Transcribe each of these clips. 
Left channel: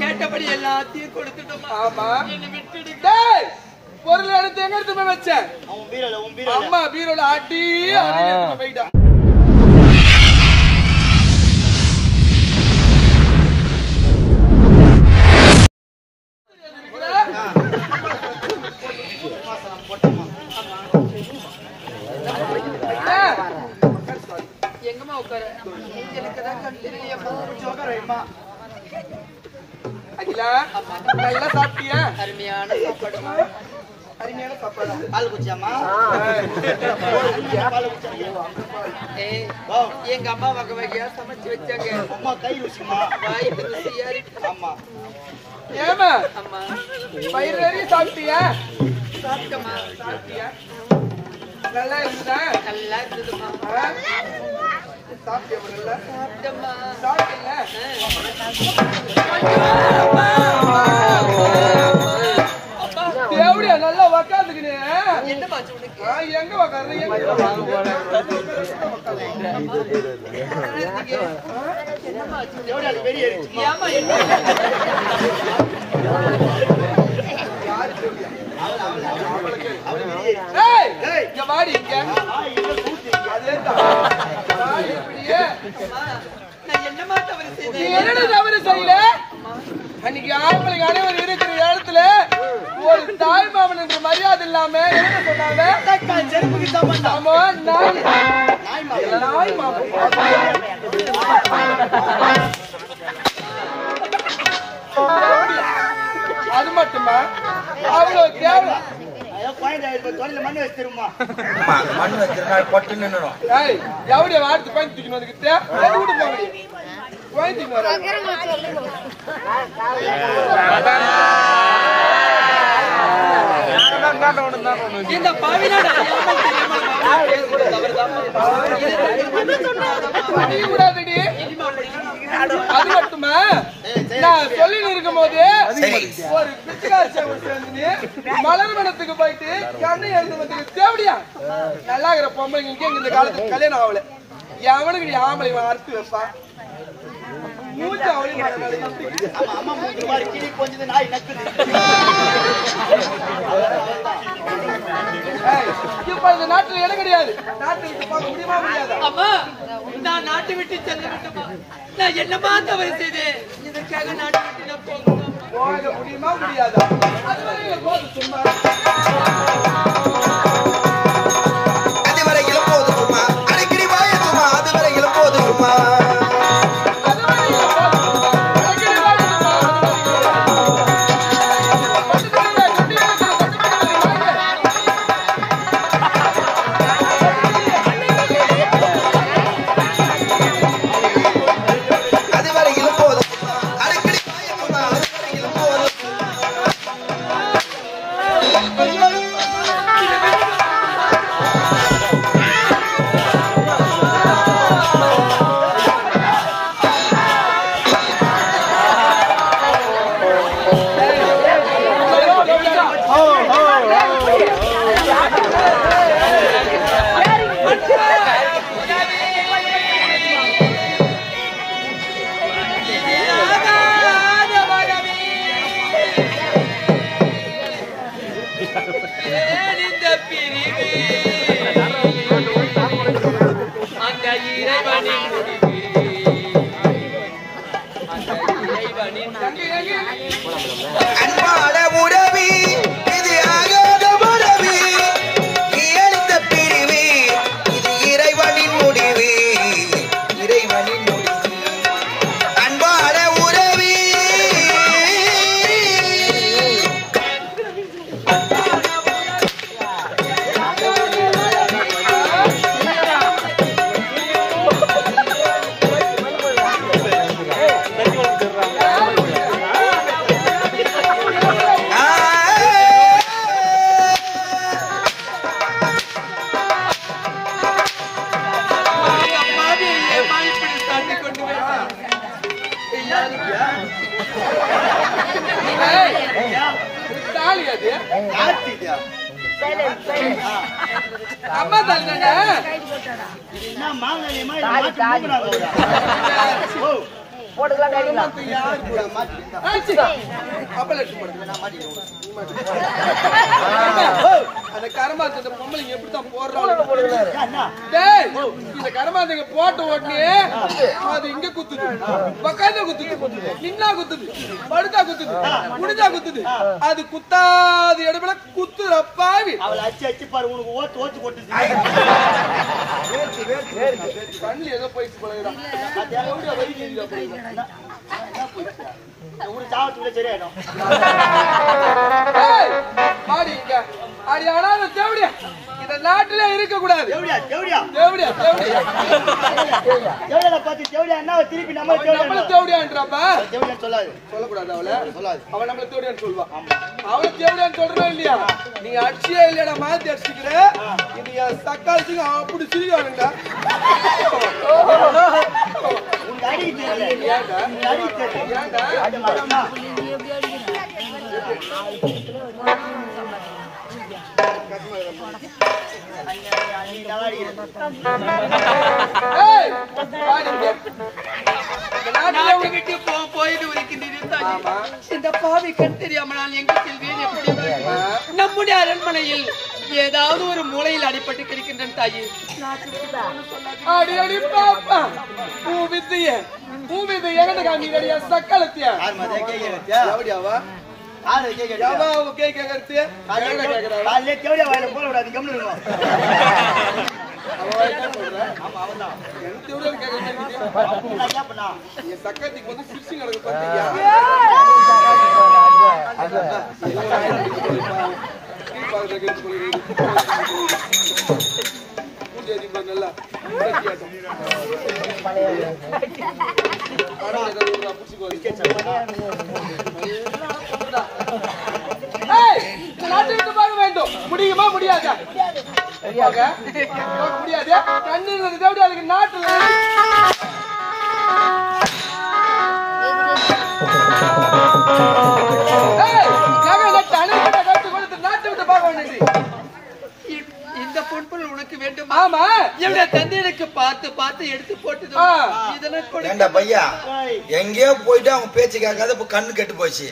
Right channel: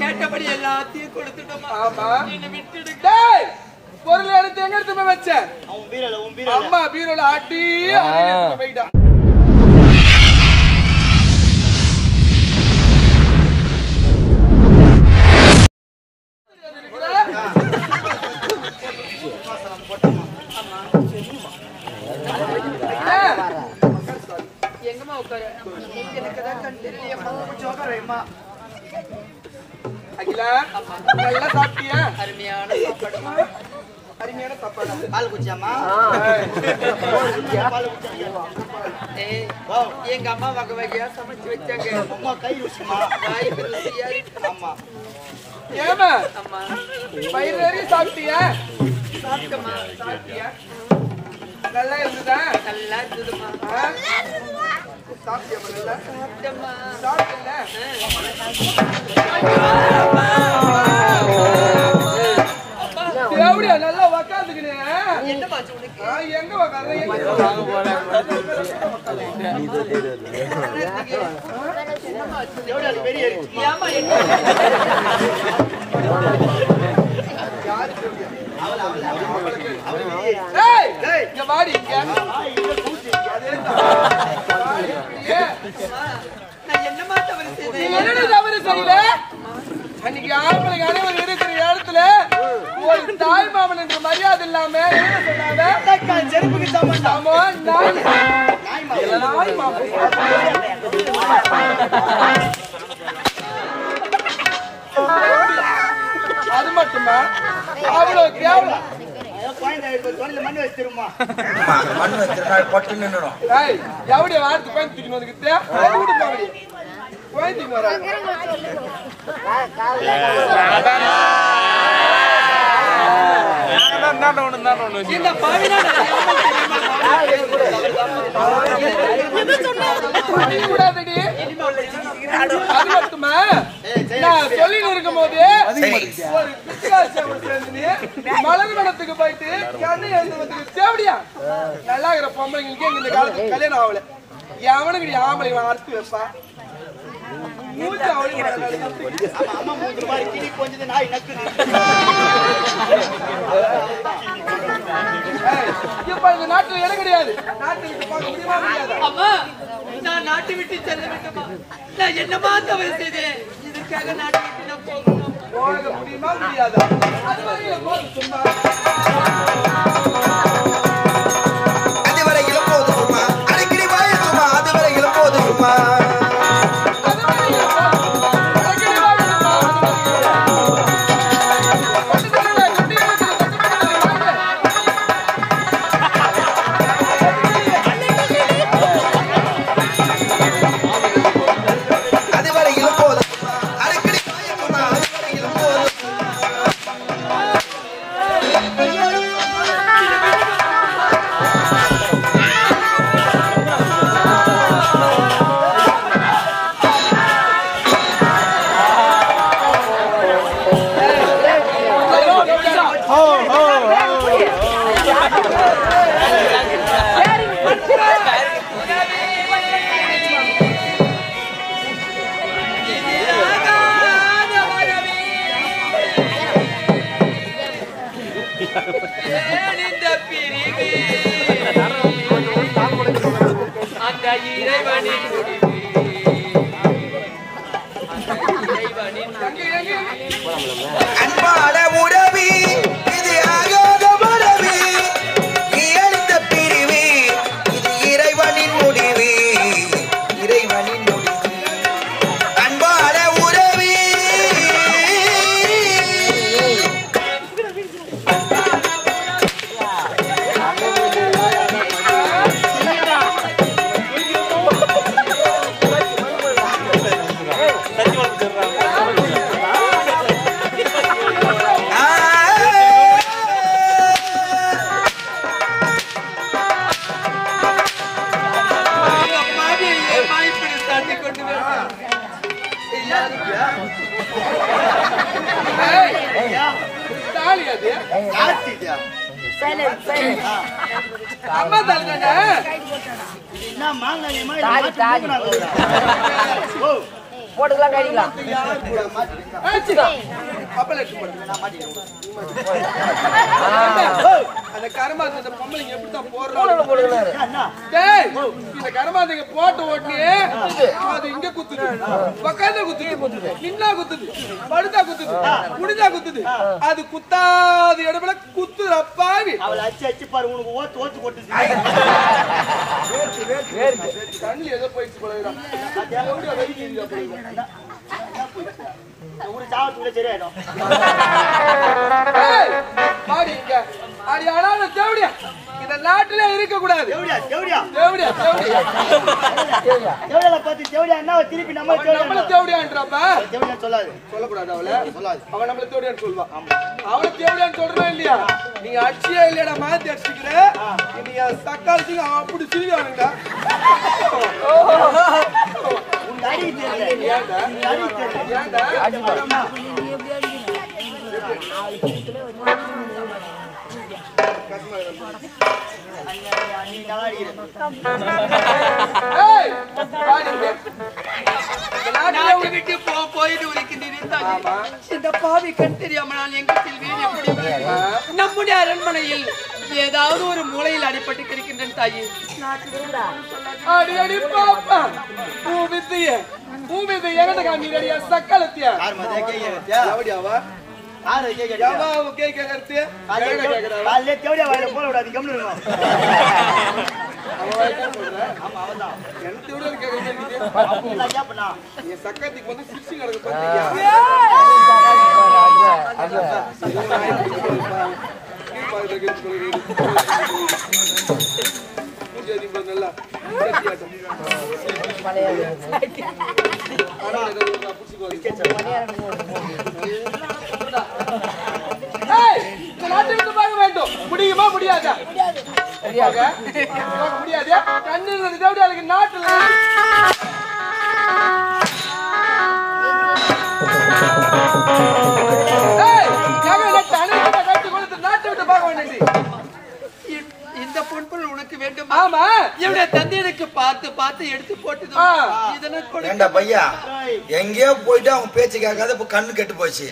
கேட்டபடி எல்லாத்தையும் கொடுத்துட்டோமா? ஆமா. என்ன விட்டுடுங்க. டேய் பொருள் எடுத்து எங்க எடுத்து போய் வச்சேன்? அவன் பீரோல அம்மா பீரோல ஆட்டி எடுத்து போய்டா. எங்கம்மா உட்கார? எனக்குதான் கண் தெரியலையம்மா. அகிலா நல்லா சாப்பிட்டியா? அருமையான சாப்பாடுமா. அருமையான சாப்பாடு. பால் குடிச்சாமா? பால் குடிச்சாங்க. எங்க அம்மா வகை வகையா சமைச்சு வச்சாங்க. அம்மா கை ருசிமா? வாய்க்கு ருசியா இருக்கு. ஆமா. ஏமா அம்மா பயிர் நிறைய சாப்பிட்டியா? சாப்பிட்டமா. சாப்பிட்டியா? நல்லா இருந்ததா? நல்லா இருந்ததுமா. சாப்பிட்டியா? நல்லா சாப்பிட்டமா. சாப்பிட்டல? எப்படியா நல்லா உக்காந்துக்கினே? என்ன பாச்சு உனக்கு? எங்க உக்காந்து எங்க உக்காந்து? என்னம்மா ஆச்சு? எவ்வளோ வெளியே ஏறிச்சுமா? ஏமா என்ன? அவளை வெளியே ஏறிச்சு. ஏய் இங்க வாடி இங்க. அதேதான். வாடி இப்படியே. நான் என்னமா தவறு செய்தேன்? நீ என்னடி தவறு செய்யல? அன்னைக்கு ஆம்பளைங்க அனைவரும் இருக்கிற இடத்துல ஒரு தாய் மாமன் என்ற மரியாதை இல்லாம என்ன சொன்னாங்க? செருப்புக்கு சம்பந்தம். ஆமா நாய் மாமன். அது மட்டுமா? அவ்வளவு கேவலம். மண் வச்சிருமா? மண் வச்சிருந்தா பொட்டு நின்னுடும். ஏய் எவடிய வாரத்து கோயந்து தூக்கின்னு வந்துக்கிட்டே எது விட்டு போங்கடி. கோயந்துக்கு வர இந்த பாவினாட விடாதடி. அது மட்டுமா? நான் சொல்லின்னு இருக்கும் போது ஒரு பிச்சைக்கார சேர்ந்து மலர் வனத்துக்கு போயிட்டு கண்ணை எழுந்து வந்து தேவடியா நல்லா இருக்கிற பொம்பளைங்களுக்கு இந்த காலத்துக்கு கல்யாணம் ஆகல. எவனுக்கு ஆம்பளை அறுத்து வைப்பா? மூச்சு அவளையும் அம்மா மூணு ரூபாய் கிளி கொஞ்சம் நாய் நக்குது. இப்ப இந்த நாட்டுல இடம் கிடையாது. நாட்டை விட்டு பார்க்க முடியுமா முடியாதா? அம்மா நான் நாட்டை விட்டு செல்ல வேண்டுமா? நான் என்னமா தவறு செய்தேன்? இதற்காக நாட்டை விட்டு நான் போகணும். போக முடியுமா முடியாதா? அதுவரையிலும் போது சும்மா. அதுவரையிலும் போதுமா? அடிக்கடி வாயத்துமா? அதுவரையிலும் போதுமா? அன்பான உறவி இது ஆகாத மரவி, நீ அளித்த பிரிவு இது இறைவனின் முடிவு, இறைவனின் முடிவு. அன்பான உறவி அம்மா தாங்க அந்த கரமாத்த பொம்பளைங்க எப்படித்தான் போடுறாங்க இந்த கரமாத்தைங்க போட்ட உடனே அது இங்க குத்துது பக்காத குத்துது நின்னா குத்துது படுத்தா குத்துது குடிதா குத்துது அது குத்தாது இடத்துல குத்துற பாவி அவளை அச்சு அச்சு பாரு உனக்கு ஓத்து ஓத்து போட்டு கண்ணு ஏதோ போயிட்டு போகிறான் உனக்கு சாவத்துக்குள்ள சரியாயிடும் இந்த நாட்டுல இருக்க கூடாது தேவடியா தேவடியா தேவடியா தேவடியா தேவடியா பார்த்து தேவடியா என்ன திருப்பி நம்ம தேவடியான்றப்ப தேவடியா சொல்லாது சொல்லக்கூடாது அவளை சொல்லாது அவன் நம்மள தேவடியான்னு சொல்லுவான் அவளை தேவடியான்னு சொல்றா இல்லையா நீங்க அடிச்சியே இல்லையா மாத்தி அடிச்சுக்கிற நீங்க தக்காளி அப்படி சிரிக்கானுங்கடா உன் அடி தெரியல உன் அடி தெரியல ஏன்டா இந்த பாவி கண் தெரியாமல் நான் எங்க செல்வேன் எப்படி நம்முடைய அரண்மனையில் ஏதாவது ஒரு மூலையில் அடிபட்டு கிடக்கின்றேன் தாயி அடி அடி பாப்பா பூமிது எங்கட காமியா சக்கலத்தியா யார் மதே கேக்குறா எவடியாவா யார் கேக்குறா யாவா கேக்குறது காலையில தேவடியா வாயில போட விடாது கம்னு இருக்கும் அவன் வாயில சொல்ற ஆமா அவன்தான் என்ன தேவடியா கேக்குறது அப்படினா கேப்பனா இந்த சக்கத்திக்கு வந்து சிப்ஸிங் நடக்க பார்த்து யாரு நல்லா வேண்டும் முடியுமா முடியாதா முடியாது கண்ணு தேவடியாளுக்கு நாட்டுல நாட்டை விட்டு பார்க்க வேண்டிய இந்த பொன்பொருள் உனக்கு வேண்டும். ஆமா, என்னுடைய தந்தையனுக்கு பார்த்து பார்த்து எடுத்து போட்டு ஏண்டா பையா எங்கேயோ போயிட்டு அவங்க பேச்சு கேட்காத இப்ப கண்ணு கெட்டு போச்சு.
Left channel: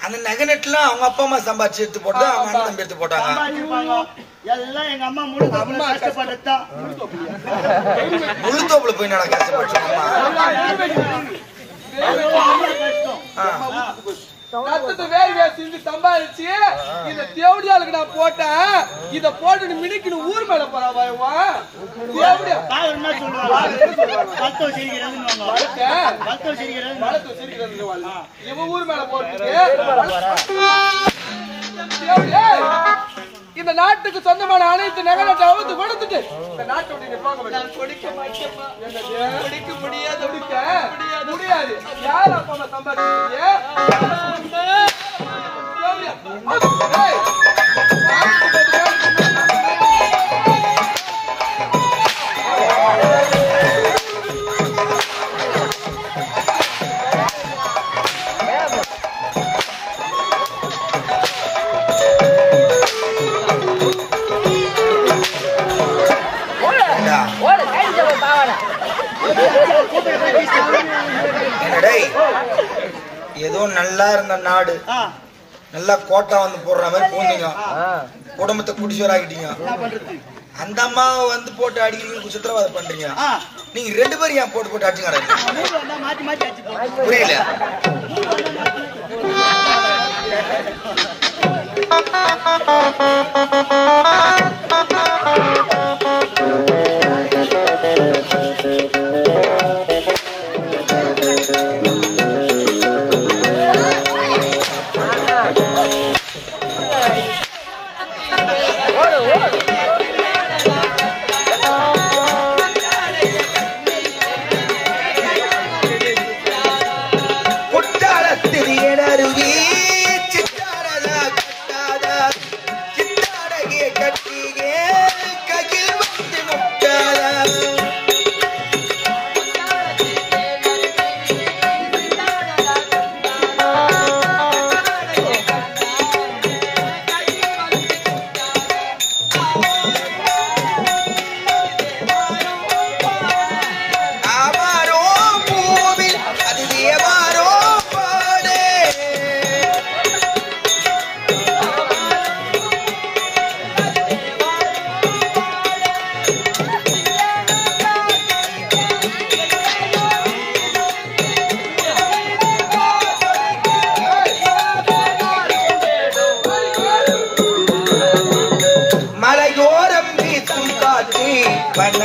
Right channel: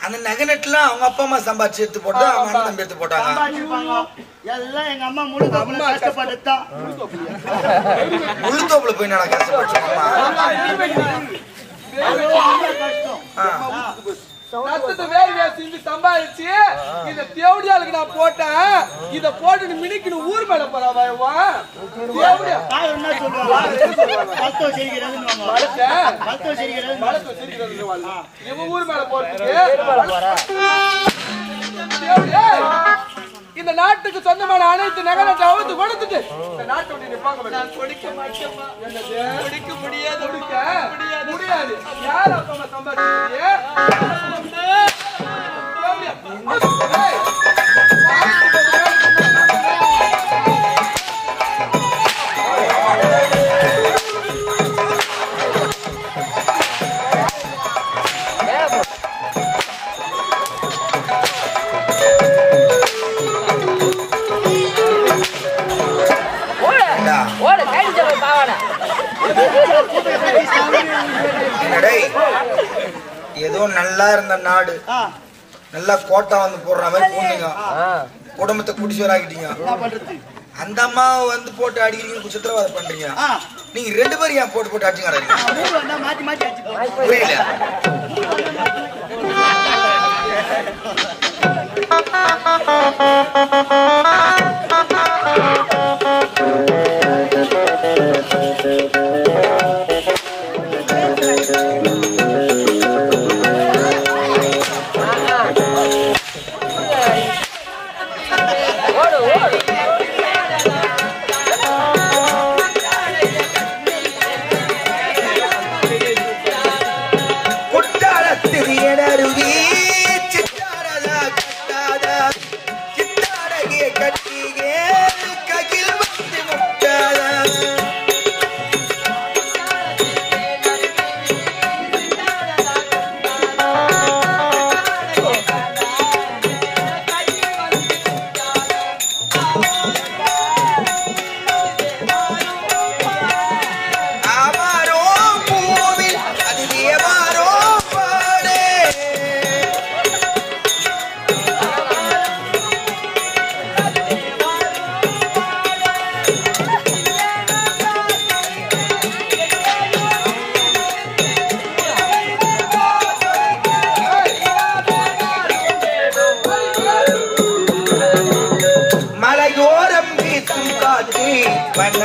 அந்த நகநெட்லாம் அவங்க அப்பா அம்மா சம்பாதிச்சு எடுத்து போட்டு அவங்க அண்ணன் தம்பி எடுத்து போட்டாங்க. எல்லாம் எங்க அம்மா அம்மா கஷ்டப்பட்டுதான் முழுத்தோப்புல போய் நான் கஷ்டப்பட்டு வேறு வேறு சம்பாதிச்சு இந்த தேவடியாளுக்கு நான் போட்டேன். இத போட்டு மினிக்கு ஊர் மேல போறாவா தேவடியா என்ன சொல்லுவாங்க இவன் ஊர் மேல போறதுக்கு இந்த நாட்டுக்கு சொந்தமான அனைத்து நகரத்தை அவுத்து கொடுத்துட்டு இந்த நாட்டை விட்டு போக நான் கொடுக்க மாட்டேமா. கொடுக்க முடியாது முடியாது. யார் அப்பா சம்பாதிச்சு ஏதோ நல்லா இருந்த நாடு நல்லா கோட்டா வந்து போடுற மாதிரி போனீங்க, குடும்பத்தை குடிசோராக்கிட்டீங்க. அந்த அம்மாவை வந்து போட்டு அடிக்கிறீங்க, சித்திரவாதம் பண்றீங்க. நீங்க ரெண்டு பேரும் ஏன் போட்டு போட்டு அடிச்சுங்க? புரியல. குட்டாளத்திரியனருவி சித்தாரதா கட்டாத சித்தார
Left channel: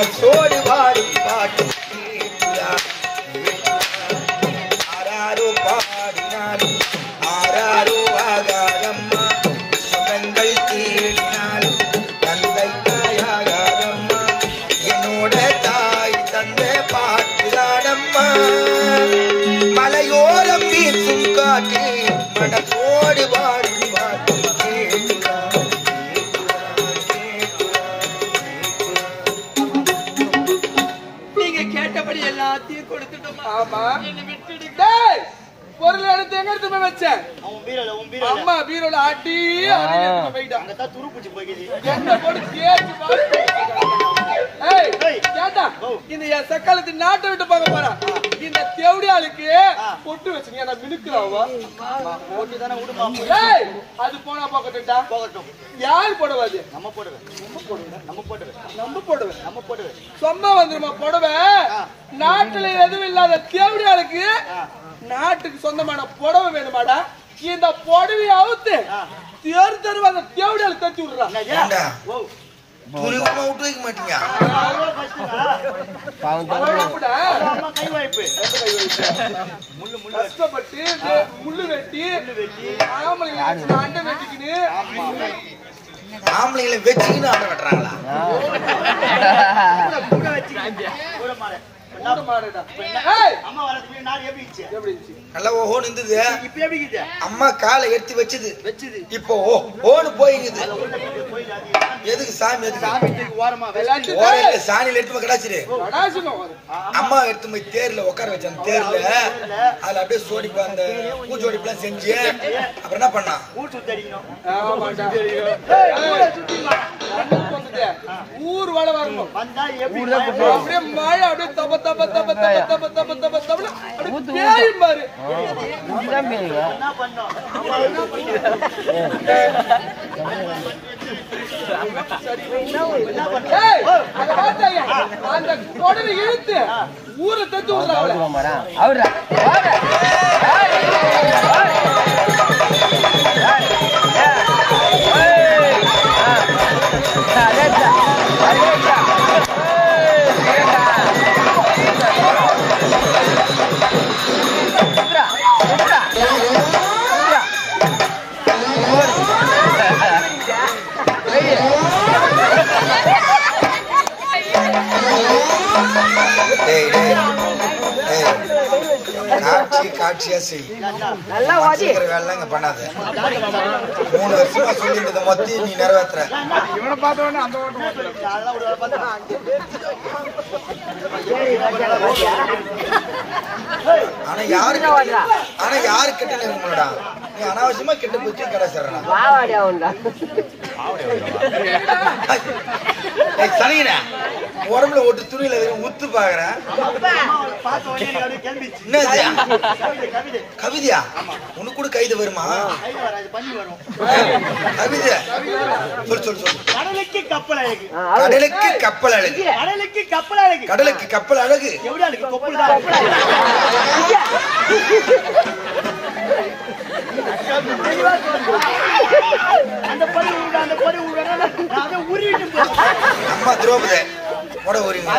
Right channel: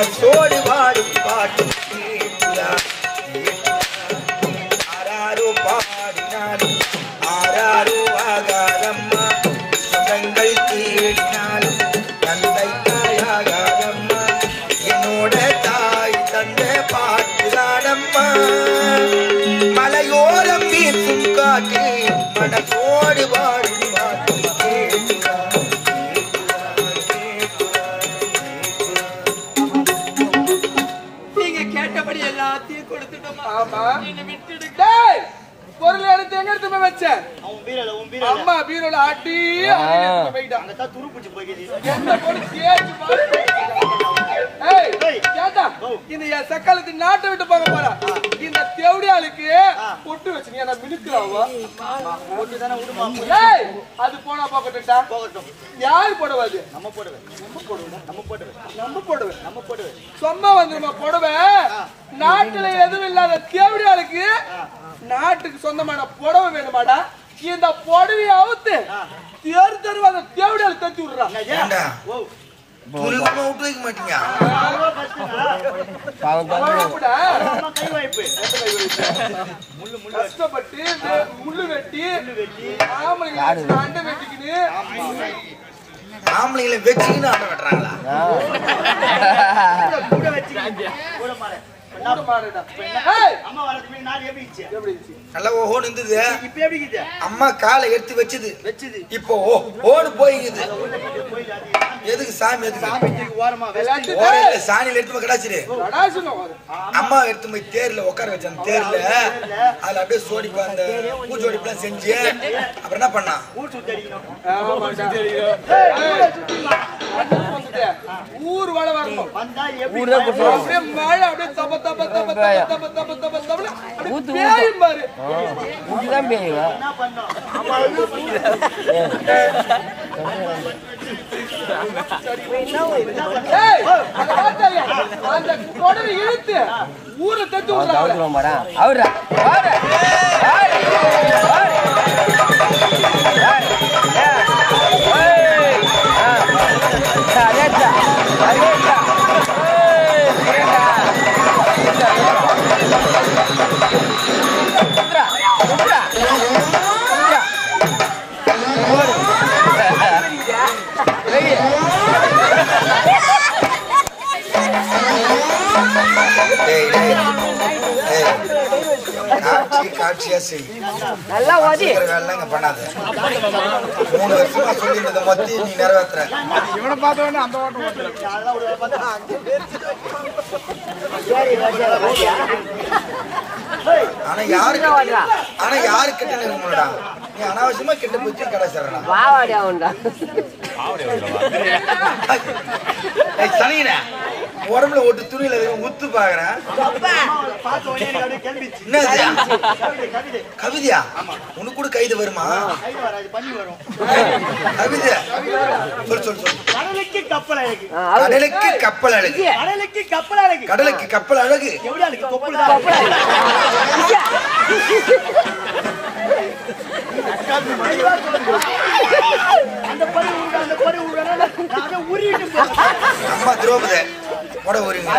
மனசோடு பாடும் பாட்டு ஆராரோ பாடினாலும் ஆராரோ ஆகாதம்மா சுகங்கள் தேடினாலும் தந்தை தாயாகாதம்மா என்னோட தாய் தந்த பாட்டுதானம்மா மலையோரம் வீசும் காற்று மனசோடு பாடும் பாட்டு கேட்டபடி எல்லாத்தையும் கொடுத்துட்டோமா? ஆமா. என்ன விட்டுடுங்க. டேய் பொருள் எடுத்து எங்க எடுத்து போய் வச்சேன்? அவன் பீரோல அம்மா பீரோல ஆட்டி எடுத்து போயிட்டான். அங்க தான் துரு புடிச்சு போயிடுது. என்ன போடு கேச்சு பாரு. ஏய் கேட்டா இந்த என் சக்காலத்து நாட்டை விட்டு போக போறா. இந்த தேவடியாளுக்கு பொட்டு வச்சுங்க நான் மினுக்குறாவா. போட்டு தானே விடுமா. ஏய் அது போனா போகட்டா. போகட்டும். யார் போடுவாது? நம்ம போடுவேன். நம்ம போடுவேன். சும்மா வந்துருமா புடவை. நாட்டுல எதுவும் இல்லாத தேவடியாளுக்கு நாட்டுக்கு சொந்தமான புடவை வேணுமாடா? இந்த புடவையை அவுத்து தேர் தெருவா அந்த தேவடியாள் தட்டி விடுறான். துணிமா விட்டு வைக்க மாட்டீங்க. கை வாய்ப்பு கஷ்டப்பட்டு முள்ளு வெட்டி ஆம்பளைங்க அண்டை வெட்டிக்கின்னு ஆம்பளைங்களை வச்சுக்கின்னு ஆண்டை வெட்டுறாங்களா? கூட வச்சுக்கிட்டு கூட மாடு அம்மா வளர்த்து நாள் எப்படி இருந்துச்சு? நல்லா ஓஹோன்னு இருந்தது. இப்ப எப்படி இருக்குது? அம்மா காலை எடுத்து வச்சது இப்போ ஓன்னு போயிங்குது. எதுக்கு சாமி? எதுக்கு சாமிக்கு ஓரமா ஓரையில சாணியில எடுத்து போய் கடாச்சிரு. அம்மா எடுத்து போய் தேர்ல உட்கார வச்ச அந்த தேர்ல அதுல அப்படியே சோடிப்பா அந்த பூச்சோடிப்பெல்லாம் செஞ்சு அப்புறம் என்ன பண்ணா? ஊர் சுத்தி அடிக்கணும். ஊர் வாழ வரணும். வந்தா எப்படி அப்படியே மழை அப்படியே தப தப தப தப தப தப தப தப அப்படியே பேயும் பாரு. என்ன பண்ணோம்? அந்த கொடலை இழுத்து ஊரை தத்து விடுறாங்க. காட்சியா செய்ய வேலை இங்க பண்ணாத. 3 வருஷமா சொல்லிட்டு மொத்தம் நீ நிறைவேற்ற. ஆனா யாரு கிட்ட இருக்கும்டா? நீ அனாவசியமா கிட்ட போச்சு கிடைச்சிடறா. சனிங்கடா உடம்புல ஒட்டு துணியில உத்து பாக்குறேன். கவிதையா? உனக்கு கூட கைது வருமா? கவிதை சொல் சொல் சொல். கடலுக்கு கப்பல் அழகு. கடலுக்கு கப்பல் அழகு. கடலுக்கு கப்பல் அழகு. கடலுக்கு கப்பல் அழகு. எப்படி அழகு? கொப்பல் தான். அந்த பறி உருவிட்டு அம்மா திரௌபதி போட ஊறிங்க.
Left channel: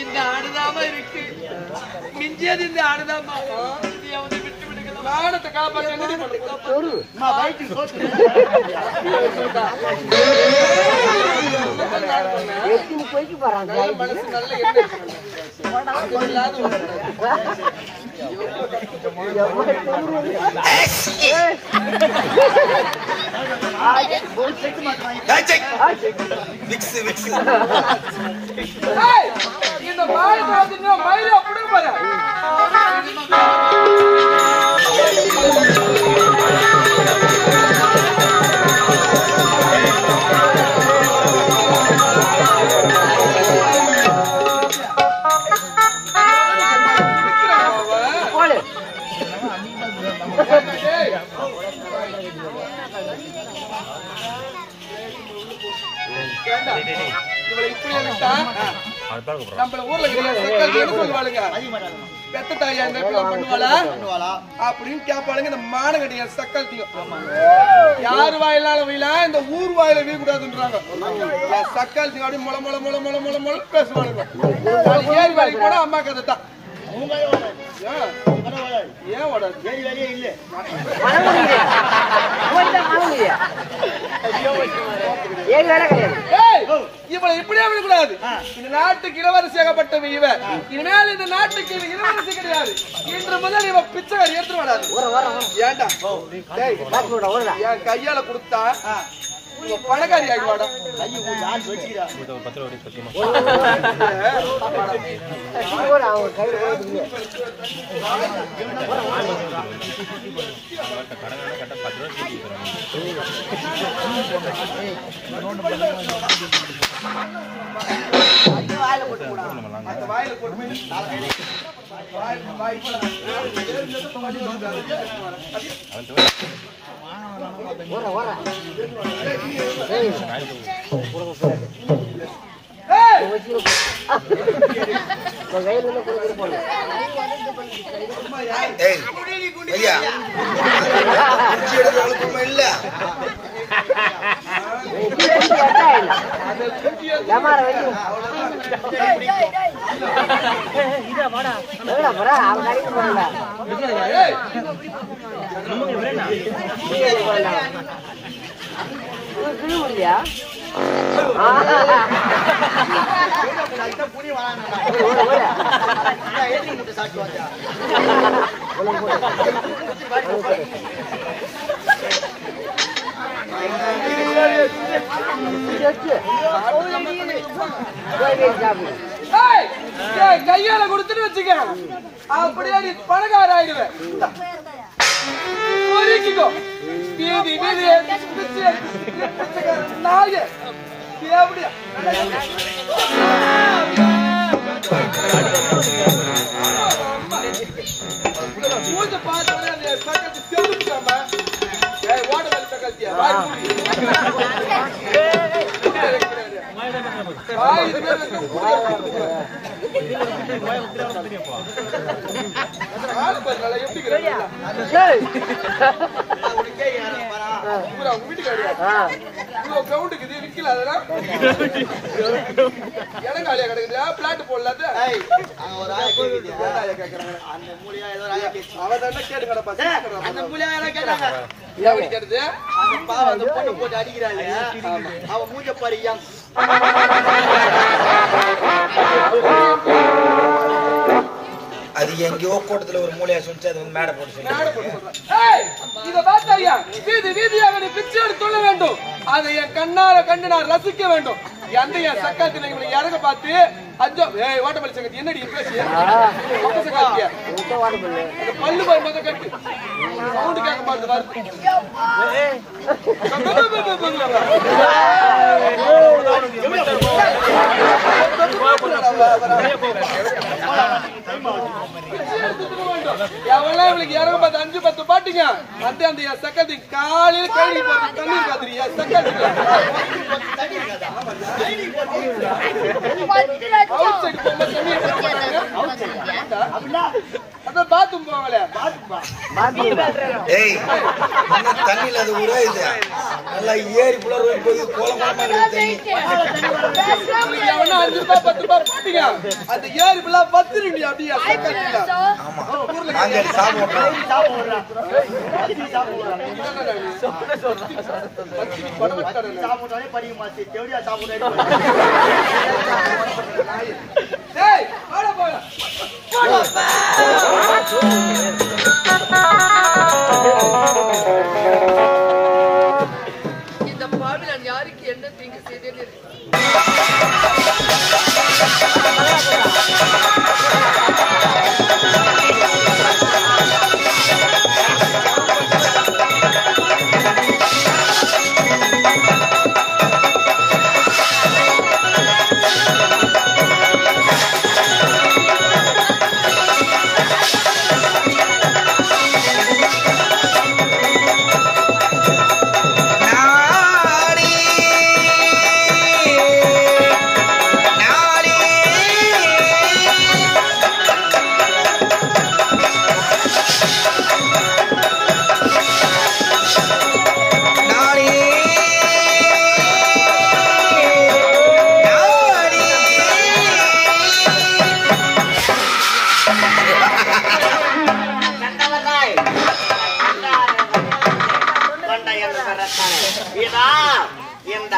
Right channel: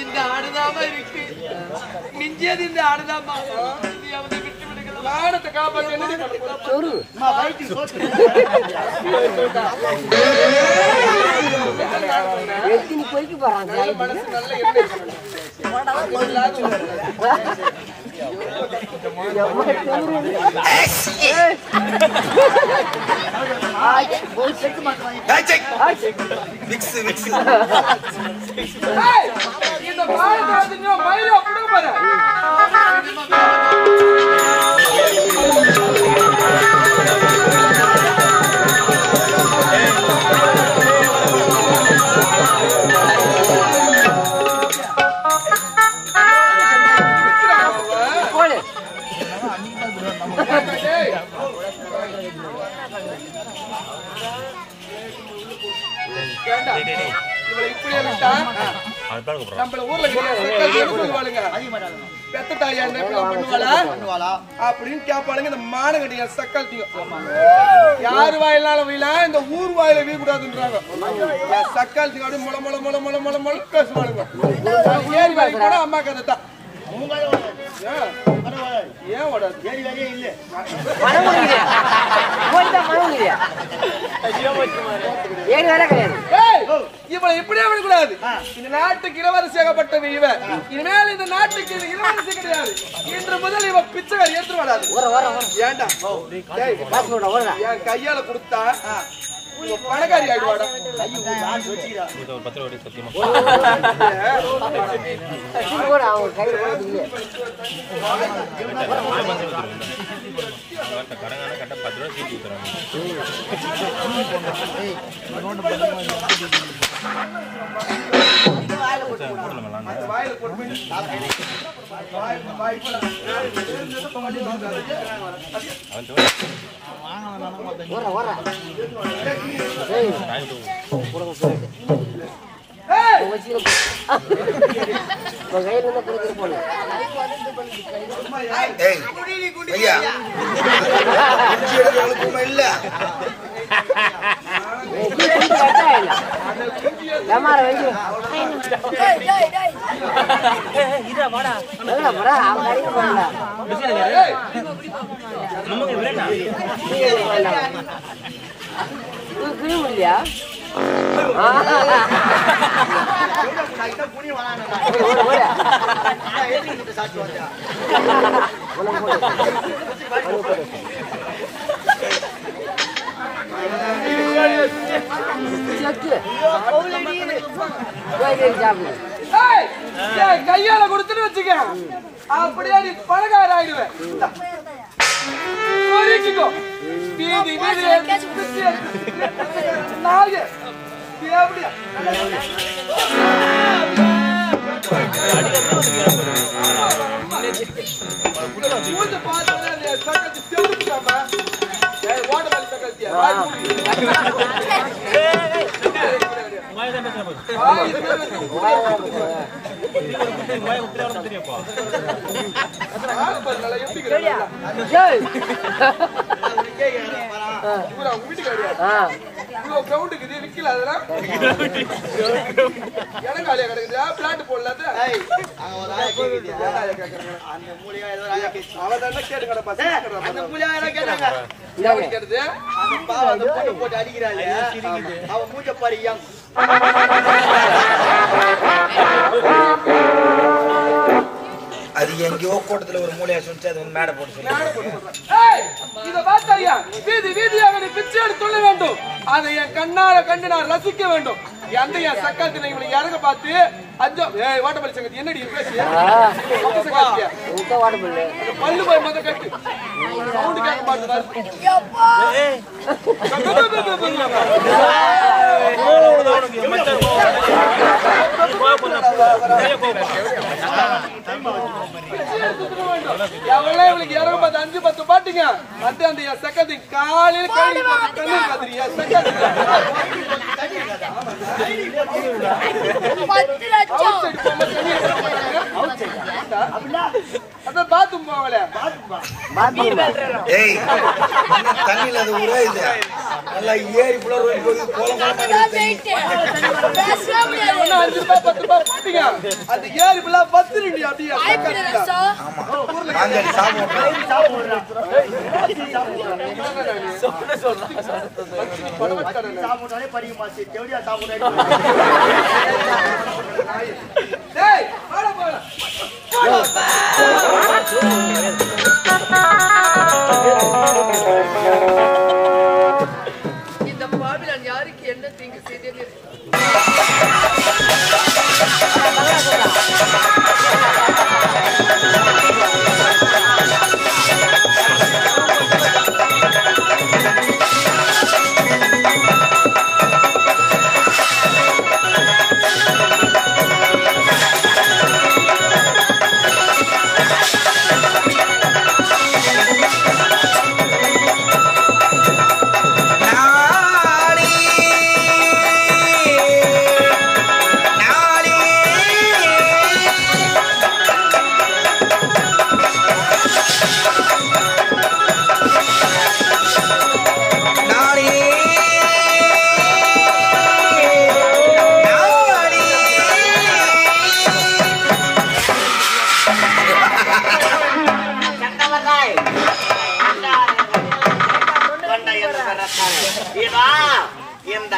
இந்த ஆடுதாமா இருக்கு. மிஞ்சியது இந்த ஆடுதாமா. அவனை விட்டு விடுங்களா? மானத்தை காப்பாற்ற மனசு நல்ல இந்த மயில கொடுக்க பாரு. இவளை இப்படியே விட்டா நம்மள ஊர்ல சக்காத்தி என்ன சொல்லுவாளுங்க, பெத்த தாயா என்ன இப்பெல்லாம் பண்ணுவாளா அப்படின்னு கேட்பாளுங்க. இந்த மானங்கட்டிய சக்காத்தியும் யாரு வாயிலாலும் வீழ, இந்த ஊர் வாயில வீழ கூடாதுன்றாங்க. என் சக்காத்தி அப்படி முளை முளை முளை முளை முளை முளை பேசுவாளுங்க. ஏறி வேலைக்கு போனா அம்மா கதை தான். ஏன் ஓடாது? இவளை இப்படியே விடக்கூடாது. இந்த நாட்டுக்கு இளவரசியாகப்பட்டவ இவ. இனிமேல் இந்த நாட்டுக்கு இளவரசி கிடையாது. இன்று முதல் இவ பிச்சைக்காரி எடுத்து வராது. ஏண்டா என் கையால கொடுத்தா இவ பணக்காரி ஆயிடுவாடா. கையை வச்சுக்கிறா. வாயில போட்டு இல்ல சாட்சி வந்தா கையால கொடுத்துட்டு வச்சுக்க, அப்படியே நீ பணக்கார ஆயிடுவேன். வீதி வீதி நாய எப்படியா மூஞ்ச பார்த்து சக்கத்தி செலுத்தாம ஓட்டமாலி சக்கத்தியா வாய் மூடி இது பேர் வீட்டுக்கு விக்கல அதெல்லாம் இளங்காலியா கிடக்குது. பிளாட் போடல போட்டு அடிக்கிறாள். அவன் மூஞ்ச பாரு. அது எங்கேயோ கூட்டத்துல ஒரு மூலையா சொன்னிச்சு, அது வந்து மேடை போட்டு இத பார்த்தாயா, வீதி வீதியாக நீ பிச்சை எடுத்து சொல்ல வேண்டும். அதை என் கண்ணார கண்டு நான் ரசிக்க வேண்டும். அந்த என் சக்காத்தி இவனை இறங்க பார்த்து அஞ்சோ வாட்டப்பள்ளி சங்கத்தி என்னடி பேசிய பக்க சக்காத்தியா அந்த பல்லு போய் மொத்த கட்டு சவுண்டு கேட்க மாட்டேது. எவ்வளவு இவளுக்கு இறங்க பார்த்து 5-10 பாட்டுங்க வந்து அந்த என் சக்காத்தி காலையில கைடி போட்டு தண்ணி காத்துறியா சக்காத்தி தண்ணியில அது ஊரே இது நல்லா ஏரி புலர் போய் கோலம் கோலமா தண்ணி 5 ரூபாய் 10 ரூபாய் போட்டீங்க அந்த ஏரி புலா 10 ரூபாய் அப்படியே. ஆமா மாங்காய் சாப்பிடுறோம் சாப்பிடுறோம் படிக்க மாசி தேவடியா சாப்பிடுறேன். இந்த பாவி நான் யாருக்கு என்ன தீங்கு செய்தேன்?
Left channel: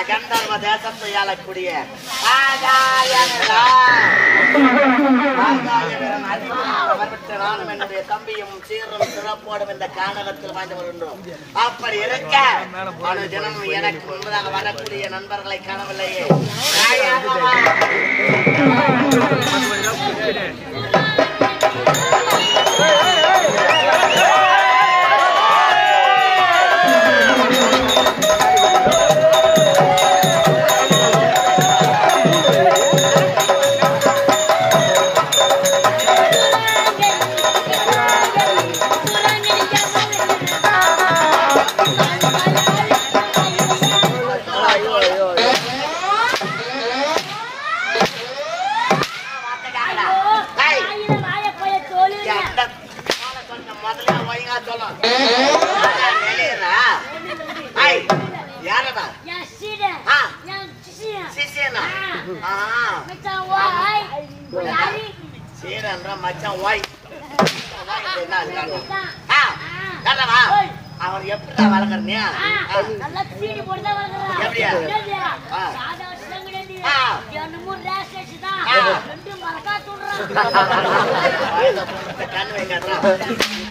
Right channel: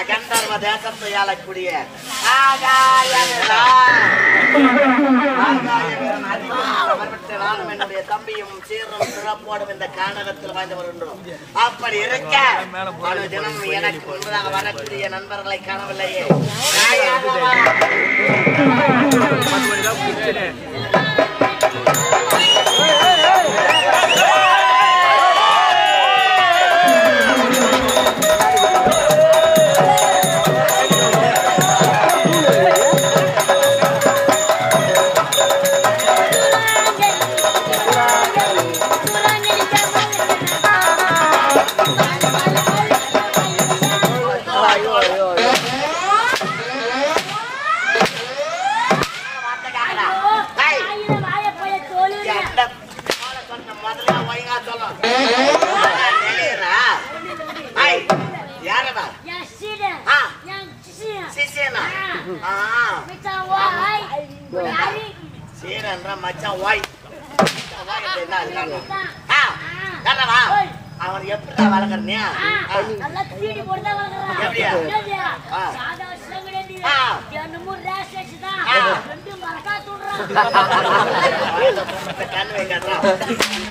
கந்தர்வ தேசத்தை ஆளக்கூடிய நானும் என்னுடைய தம்பியும் சீரும் சிறப்போடும் இந்த காணகத்தில் வாழ்ந்து வருகின்றோம். அப்படி இருக்க அனு தினமும் எனக்கு முன்பதாக வரக்கூடிய நண்பர்களை காணவில்லையே. அவன் எப்படி வளர்க்கறனியா நல்லா தீனி போட்டு வளர்க்கறான். எப்படியா? சாதா விஷயம் கிடையாது. என்னமோ ரேஸ் வச்சுதான் ரெண்டு மரக்கா தூடுறான். கண்ணு வைக்காதா